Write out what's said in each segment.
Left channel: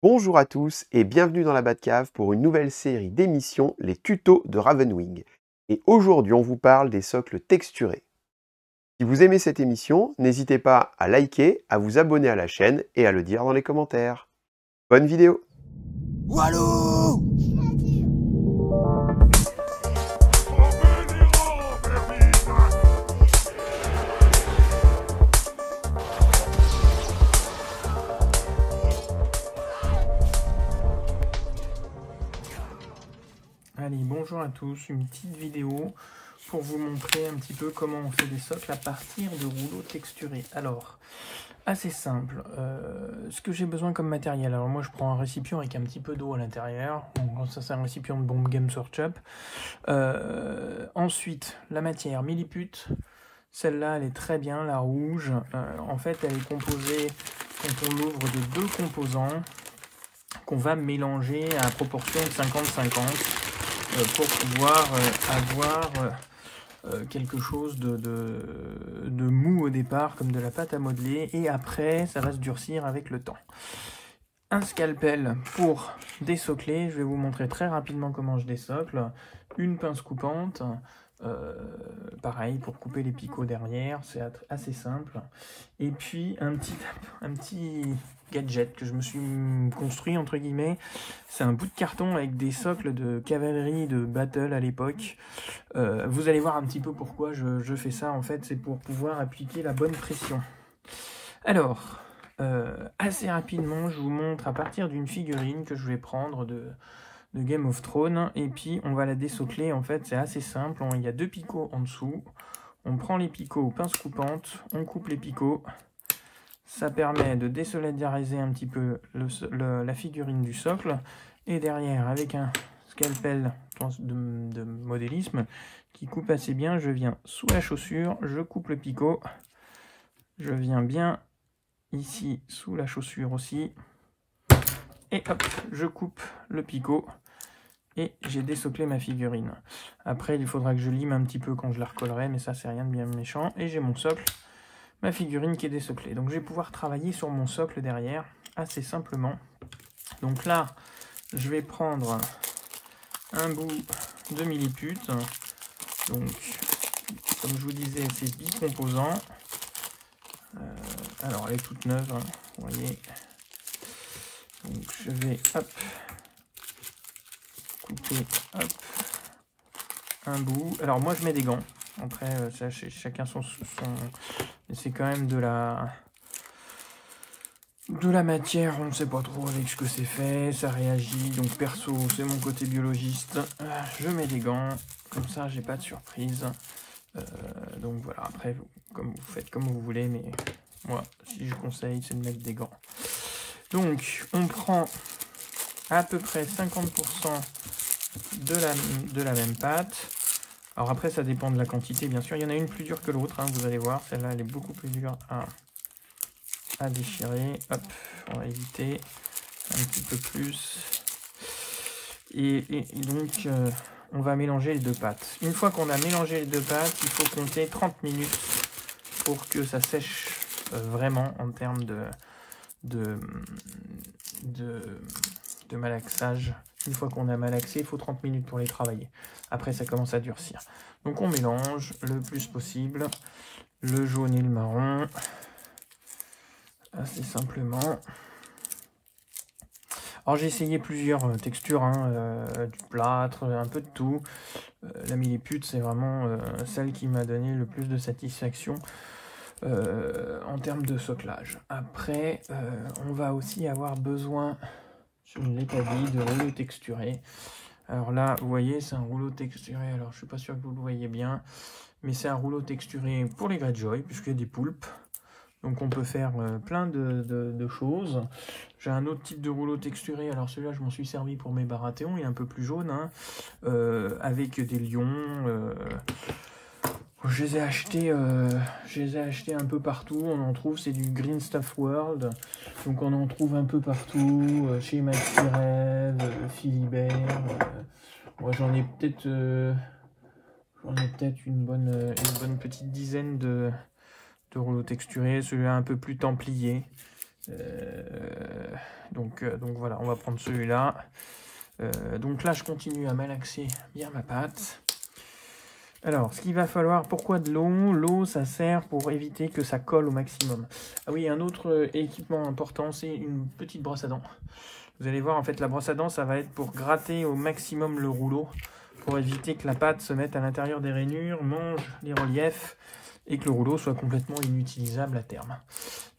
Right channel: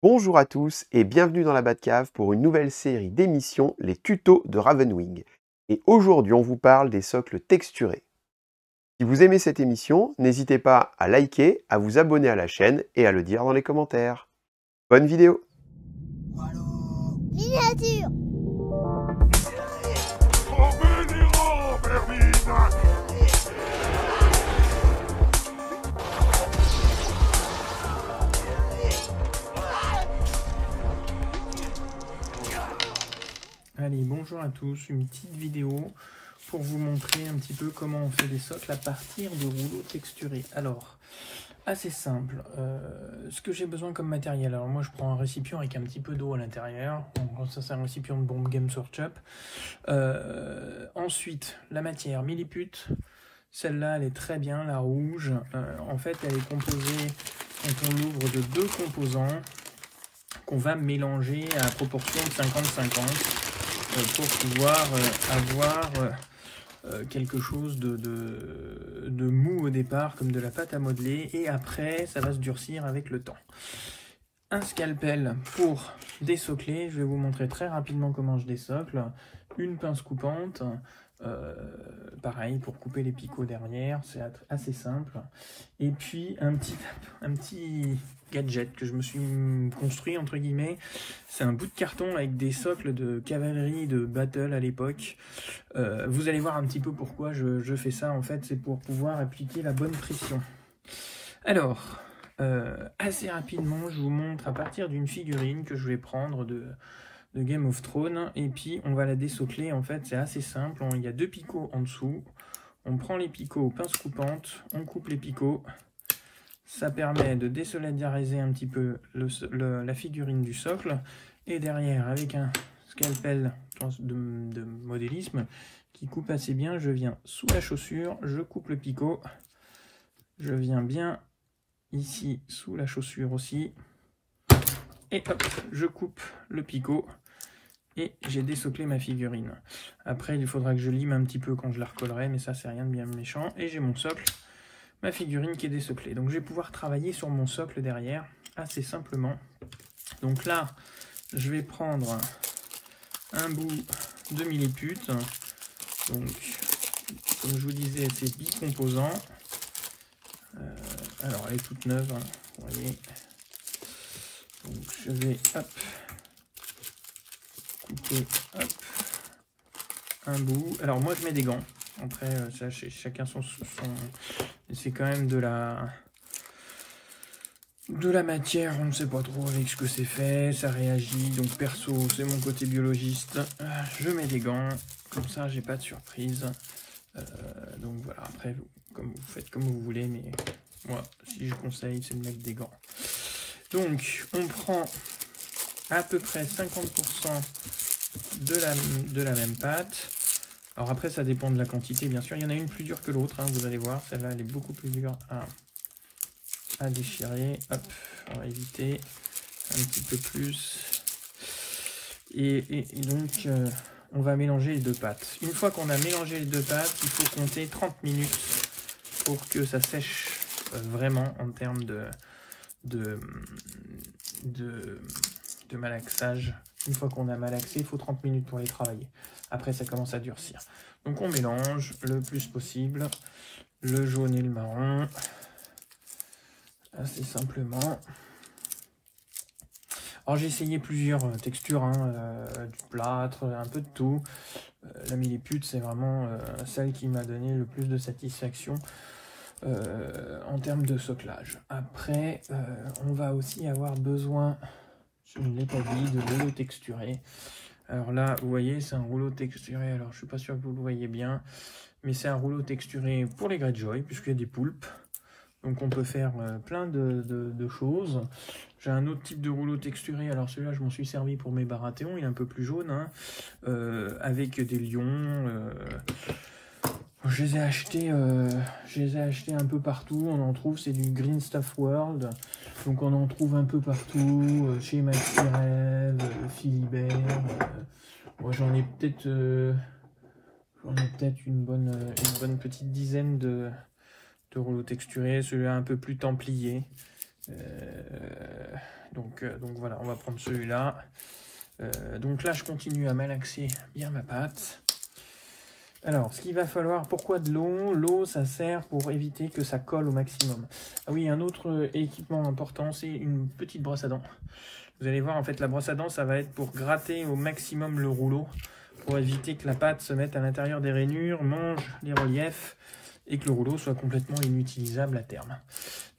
Bonjour à tous et bienvenue dans la Batcave pour une nouvelle série d'émissions, les tutos de Ravenwing. Et aujourd'hui, on vous parle des socles texturés. Si vous aimez cette émission, n'hésitez pas à liker, à vous abonner à la chaîne et à le dire dans les commentaires. Bonne vidéo! Walou! Miniature. Allez, bonjour à tous, une petite vidéo pour vous montrer un petit peu comment on fait des socles à partir de rouleaux texturés. Alors, assez simple, ce que j'ai besoin comme matériel, alors moi je prends un récipient avec un petit peu d'eau à l'intérieur, donc ça c'est un récipient de bombe Game Surchup. Ensuite, la matière milliput, celle-là elle est très bien, la rouge, en fait elle est composée, quand on l'ouvre, de deux composants qu'on va mélanger à proportion de 50-50 pour pouvoir avoir quelque chose de mou au départ, comme de la pâte à modeler, et après ça va se durcir avec le temps. Un scalpel pour désocler, je vais vous montrer très rapidement comment je désocle, une pince coupante, pareil pour couper les picots derrière, c'est assez simple, et puis un petit gadget que je me suis construit entre guillemets, c'est un bout de carton avec des socles de cavalerie de battle à l'époque. Vous allez voir un petit peu pourquoi je fais ça, en fait c'est pour pouvoir appliquer la bonne pression. Alors, assez rapidement je vous montre à partir d'une figurine que je vais prendre de Game of Thrones, et puis on va la désocler. En fait c'est assez simple, il y a deux picots en dessous, on prend les picots aux pinces coupantes, on coupe les picots, ça permet de désolidariser un petit peu la figurine du socle, et derrière avec un scalpel de modélisme qui coupe assez bien, je viens sous la chaussure, je coupe le picot, je viens bien ici sous la chaussure aussi, et hop, je coupe le picot, et j'ai désoclé ma figurine. Après, il faudra que je lime un petit peu quand je la recollerai, mais ça, c'est rien de bien méchant. Et j'ai mon socle, ma figurine qui est désoclée. Donc, je vais pouvoir travailler sur mon socle derrière, assez simplement. Donc là, je vais prendre un bout de milliput. Donc, comme je vous disais, c'est bicomposant. Alors, elle est toute neuve, hein, vous voyez. Donc, je vais, hop, couper, hop, un bout. Alors moi je mets des gants. Après chacun son c'est quand même de la matière, on ne sait pas trop avec ce que c'est fait, ça réagit. Donc perso, c'est mon côté biologiste. Je mets des gants, comme ça j'ai pas de surprise. Donc voilà, après vous faites comme vous voulez, mais moi si je conseille c'est de mettre des gants. Donc on prend à peu près 50% de la même pâte. Alors après ça dépend de la quantité bien sûr, il y en a une plus dure que l'autre, hein, vous allez voir, celle-là elle est beaucoup plus dure à déchirer. Hop, on va éviter un petit peu plus. Et donc on va mélanger les deux pâtes. Une fois qu'on a mélangé les deux pâtes, il faut compter 30 minutes pour que ça sèche vraiment en termes de malaxage. Une fois qu'on a malaxé, il faut 30 minutes pour les travailler. Après, ça commence à durcir. Donc, on mélange le plus possible le jaune et le marron. Assez simplement. Alors, j'ai essayé plusieurs textures, hein, du plâtre, un peu de tout. La milliput, c'est vraiment celle qui m'a donné le plus de satisfaction en termes de soclage. Après, on va aussi avoir besoin, je ne l'ai pas dit, de rouleau texturé. Alors là, vous voyez, c'est un rouleau texturé. Alors, je suis pas sûr que vous le voyez bien, mais c'est un rouleau texturé pour les Greyjoy, puisqu'il y a des poulpes. Donc, on peut faire plein de choses. J'ai un autre type de rouleau texturé. Alors, celui-là, je m'en suis servi pour mes Baratheons. Il est un peu plus jaune, hein, avec des lions. Je les ai achetés un peu partout. On en trouve, c'est du Green Stuff World. Donc on en trouve un peu partout, chez Maxi Rêve, Philibert. Moi j'en ai peut-être une bonne petite dizaine de rouleaux texturés. Celui-là un peu plus templier. Donc voilà, on va prendre celui-là. Donc là, je continue à malaxer bien ma pâte. Alors, ce qu'il va falloir, pourquoi de l'eau? L'eau, ça sert pour éviter que ça colle au maximum. Ah oui, un autre équipement important, c'est une petite brosse à dents. Vous allez voir, en fait, la brosse à dents, ça va être pour gratter au maximum le rouleau, pour éviter que la pâte se mette à l'intérieur des rainures, mange les reliefs, et que le rouleau soit complètement inutilisable à terme.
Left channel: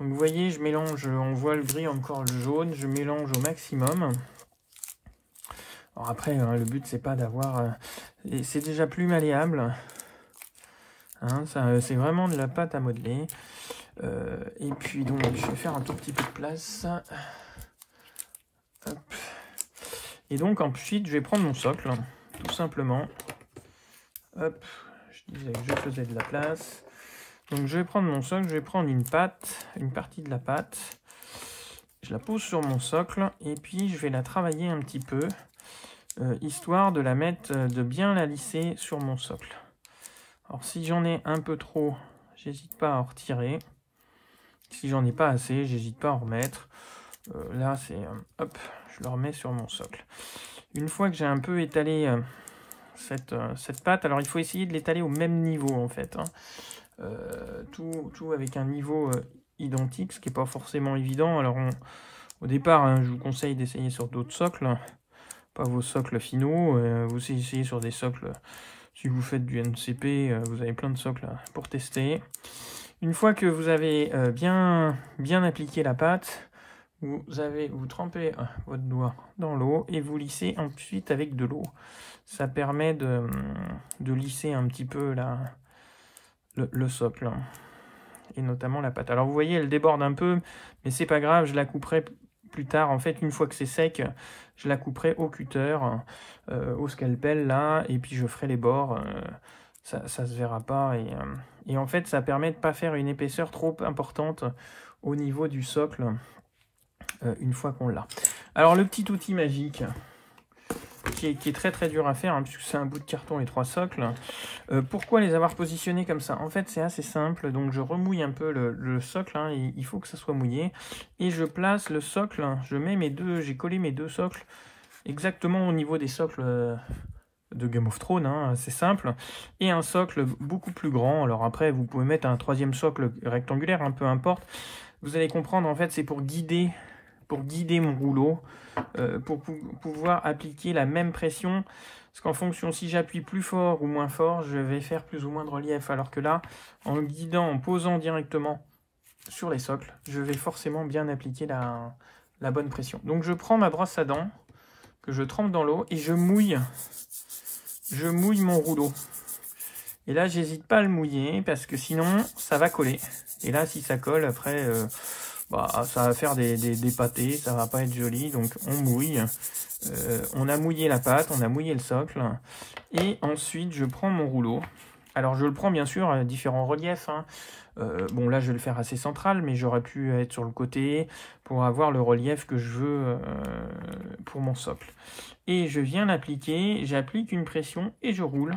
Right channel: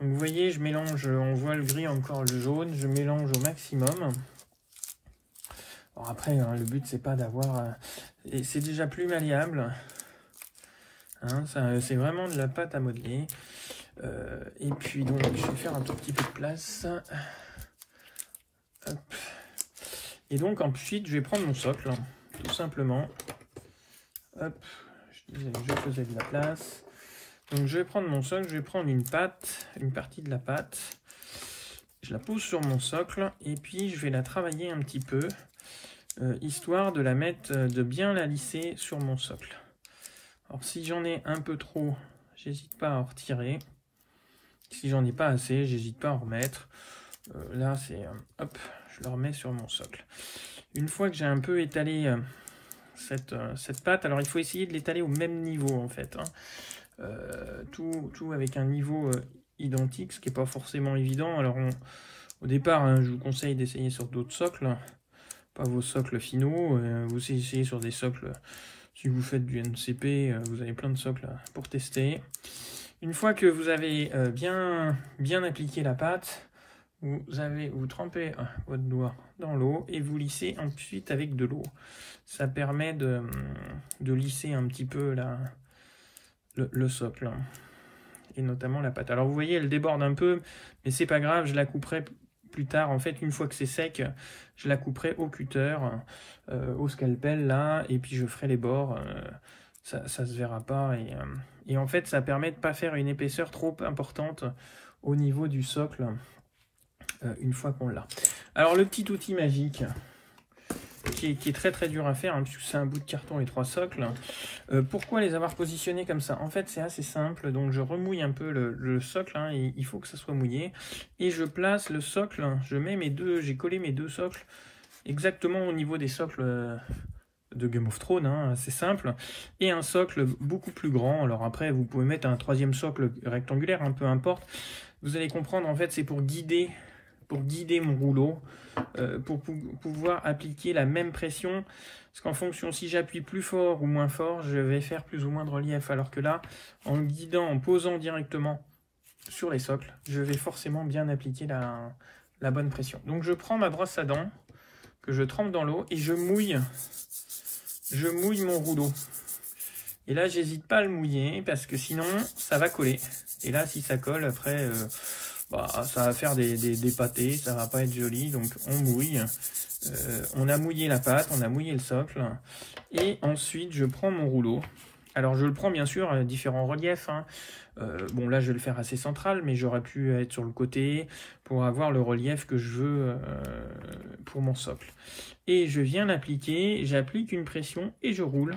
Donc vous voyez, je mélange, on voit le gris, encore le jaune, je mélange au maximum. Alors après, le but, c'est pas d'avoir... c'est déjà plus malléable. Hein, c'est vraiment de la pâte à modeler. Et puis, donc, je vais faire un tout petit peu de place. Hop. Et donc, ensuite, je vais prendre mon socle, tout simplement. Hop, je disais que je faisais de la place. Donc, je vais prendre mon socle, je vais prendre une pâte, une partie de la pâte. Je la pose sur mon socle et puis je vais la travailler un petit peu. Histoire de la mettre, de bien la lisser sur mon socle. Alors si j'en ai un peu trop, j'hésite pas à en retirer. Si j'en ai pas assez, j'hésite pas à en remettre. Là c'est, hop, je le remets sur mon socle. Une fois que j'ai un peu étalé cette pâte, alors il faut essayer de l'étaler au même niveau en fait. Hein. Tout avec un niveau identique, ce qui n'est pas forcément évident. Alors au départ, hein, je vous conseille d'essayer sur d'autres socles. Pas vos socles finaux, vous essayez sur des socles, si vous faites du NCP, vous avez plein de socles pour tester. Une fois que vous avez bien appliqué la pâte, vous trempez votre doigt dans l'eau et vous lissez ensuite avec de l'eau. Ça permet de lisser un petit peu le socle, et notamment la pâte. Alors vous voyez, elle déborde un peu, mais c'est pas grave, je la couperai plus tard. En fait, une fois que c'est sec, je la couperai au cutter, au scalpel là, et puis je ferai les bords, ça se verra pas, et en fait ça permet de pas faire une épaisseur trop importante au niveau du socle une fois qu'on l'a. Alors le petit outil magique qui est très très dur à faire, hein, puisque c'est un bout de carton et 3 socles. Pourquoi les avoir positionnés comme ça? En fait c'est assez simple, donc je remouille un peu le socle, hein, il faut que ça soit mouillé, et je place le socle, je mets j'ai collé mes deux socles exactement au niveau des socles de Game of Thrones, hein, c'est simple, et un socle beaucoup plus grand. Alors après vous pouvez mettre un troisième socle rectangulaire, hein, peu importe. Vous allez comprendre, en fait c'est pour guider mon rouleau, pour pouvoir appliquer la même pression, parce qu'en fonction, si j'appuie plus fort ou moins fort, je vais faire plus ou moins de relief, alors que là, en guidant, en posant directement sur les socles, je vais forcément bien appliquer la bonne pression. Donc je prends ma brosse à dents, que je trempe dans l'eau, et je mouille mon rouleau. Et là, j'hésite pas à le mouiller, parce que sinon, ça va coller. Et là, si ça colle, après... ça va faire des pâtés, ça va pas être joli, donc on mouille. On a mouillé la pâte, on a mouillé le socle, et ensuite je prends mon rouleau. Alors je le prends bien sûr à différents reliefs, hein. Bon là je vais le faire assez central, mais j'aurais pu être sur le côté pour avoir le relief que je veux pour mon socle. Et je viens l'appliquer, j'applique une pression et je roule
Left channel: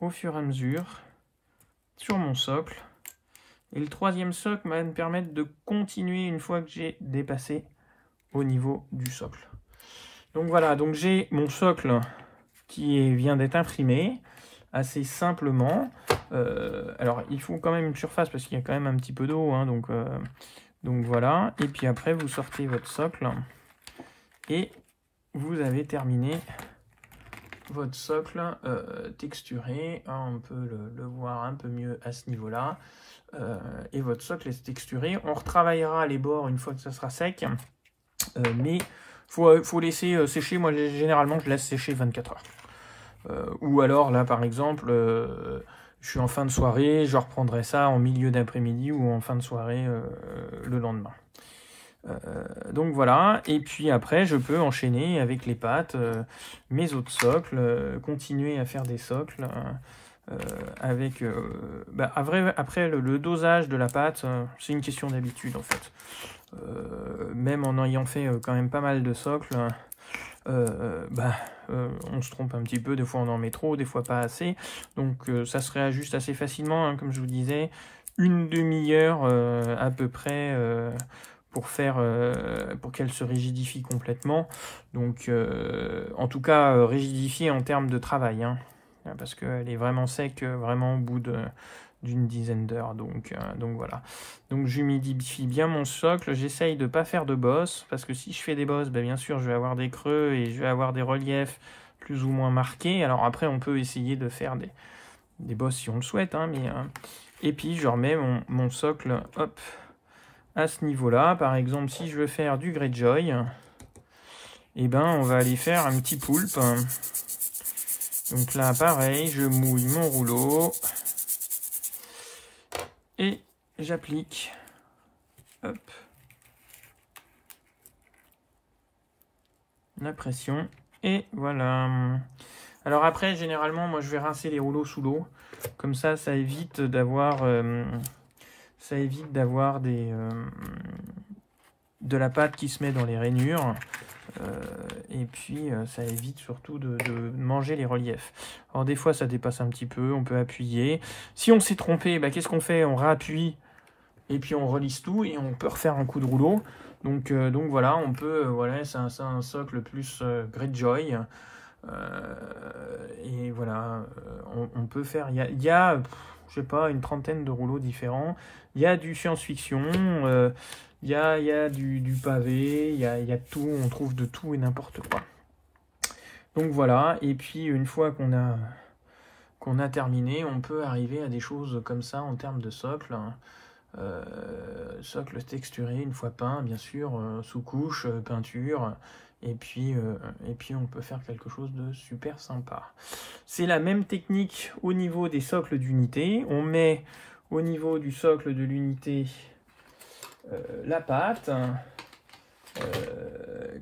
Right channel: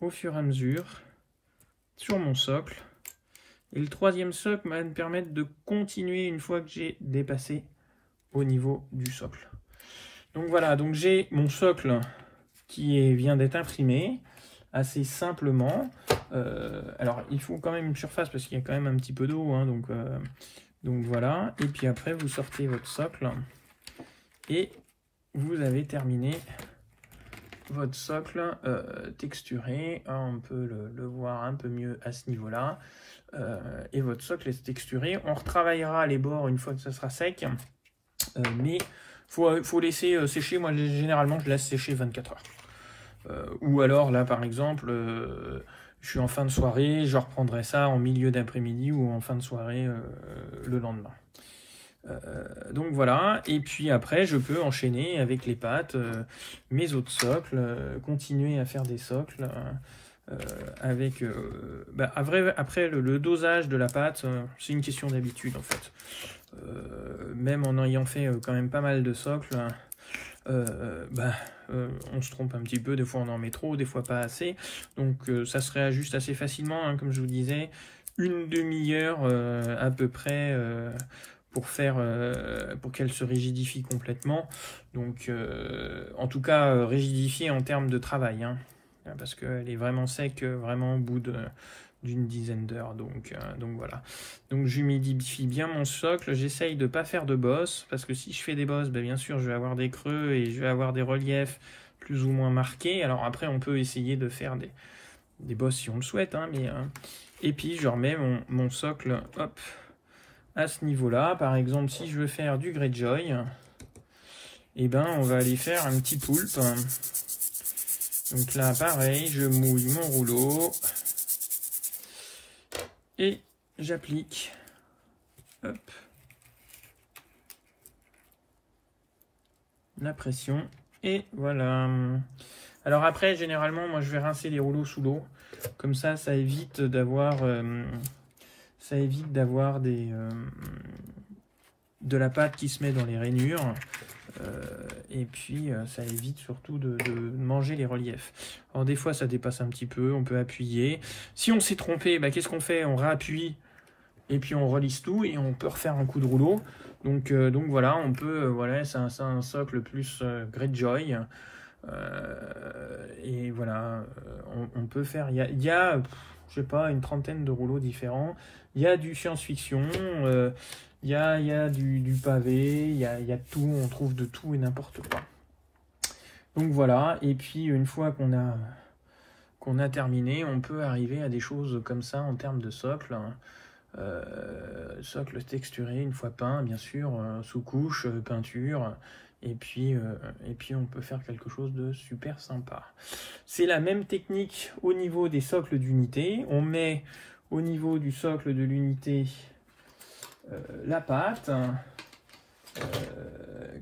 au fur et à mesure sur mon socle. Et le troisième socle va me permettre de continuer une fois que j'ai dépassé au niveau du socle. Donc voilà, donc j'ai mon socle qui vient d'être imprimé assez simplement. Alors il faut quand même une surface parce qu'il y a quand même un petit peu d'eau, hein, donc voilà. Et puis après vous sortez votre socle et vous avez terminé votre socle texturé. On peut le voir un peu mieux à ce niveau-là. Et votre socle est texturé. On retravaillera les bords une fois que ça sera sec, mais faut laisser sécher. Moi généralement je laisse sécher 24 heures, ou alors là par exemple je suis en fin de soirée, je reprendrai ça en milieu d'après-midi ou en fin de soirée le lendemain. Donc voilà, et puis après je peux enchaîner avec les pâtes, mes autres socles, continuer à faire des socles. Après le dosage de la pâte, c'est une question d'habitude en fait. Même en ayant fait quand même pas mal de socles, on se trompe un petit peu, des fois on en met trop, des fois pas assez, donc ça se réajuste assez facilement, hein, comme je vous disais, une demi-heure à peu près pour qu'elle se rigidifie complètement. Donc, en tout cas, rigidifiée en termes de travail, hein, parce qu'elle est vraiment sec, vraiment au bout d'une dizaine d'heures. Donc voilà. Donc j'humidifie bien mon socle. J'essaye de ne pas faire de bosses, parce que si je fais des bosses, ben, bien sûr, je vais avoir des creux et je vais avoir des reliefs plus ou moins marqués. Alors après, on peut essayer de faire des bosses si on le souhaite, hein, et puis je remets mon socle, hop, à ce niveau-là. Par exemple, si je veux faire du Greyjoy, et ben on va aller faire un petit poulpe. Donc là, pareil, je mouille mon rouleau et j'applique, hop, la pression, et voilà. Alors après, généralement, moi je vais rincer les rouleaux sous l'eau, comme ça évite d'avoir de la pâte qui se met dans les rainures, et puis ça évite surtout de manger les reliefs. Alors des fois ça dépasse un petit peu, on peut appuyer. Si on s'est trompé, bah, qu'est-ce qu'on fait? On réappuie et puis on relisse tout et on peut refaire un coup de rouleau. Donc voilà, on peut, voilà, c'est un socle plus Greyjoy. Et voilà, on peut faire, il y a je sais pas, une trentaine de rouleaux différents. Il y a du science-fiction, il y a du pavé, il y a tout, on trouve de tout et n'importe quoi. Donc voilà, et puis une fois qu'on a terminé, on peut arriver à des choses comme ça en termes de socle. Socle texturé, une fois peint, bien sûr, sous couche, peinture. Et puis on peut faire quelque chose de super sympa. C'est la même technique au niveau des socles d'unité. On met au niveau du socle de l'unité la pâte,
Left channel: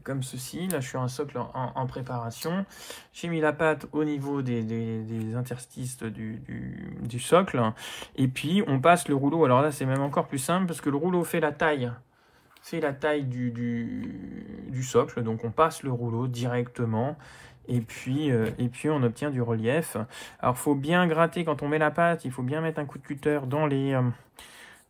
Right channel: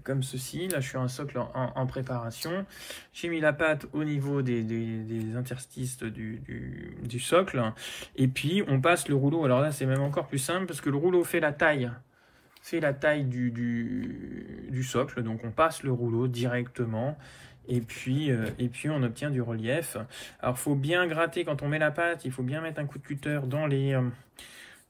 comme ceci. Là, je suis un socle en préparation. J'ai mis la pâte au niveau des interstices du socle. Et puis, on passe le rouleau. Alors là, c'est même encore plus simple parce que le rouleau fait la taille. C'est la taille du socle, donc on passe le rouleau directement et puis on obtient du relief. Alors il faut bien gratter quand on met la pâte, il faut bien mettre un coup de cutter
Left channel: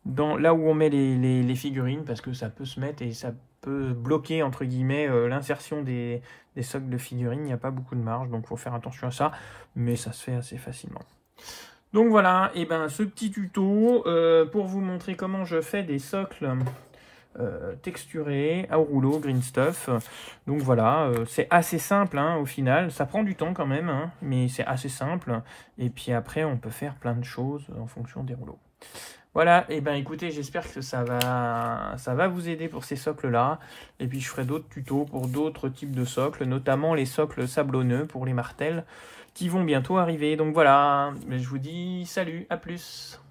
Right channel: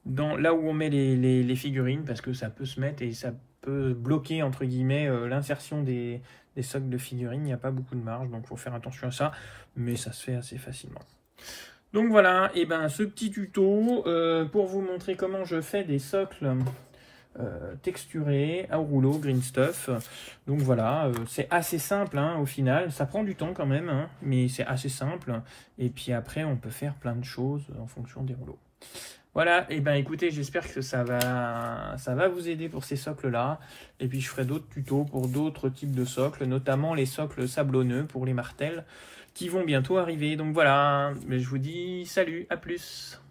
là où on met les figurines, parce que ça peut se mettre et ça peut bloquer entre guillemets l'insertion des socles de figurines. Il n'y a pas beaucoup de marge, donc il faut faire attention à ça, mais ça se fait assez facilement. Donc voilà, et ben ce petit tuto pour vous montrer comment je fais des socles texturé au rouleau green stuff. Donc voilà, c'est assez simple, hein, au final. Ça prend du temps quand même, hein, mais c'est assez simple. Et puis après, on peut faire plein de choses en fonction des rouleaux. Voilà, et ben écoutez, j'espère que ça va vous aider pour ces socles là. Et puis je ferai d'autres tutos pour d'autres types de socles, notamment les socles sablonneux pour les martels qui vont bientôt arriver. Donc voilà, je vous dis salut, à plus.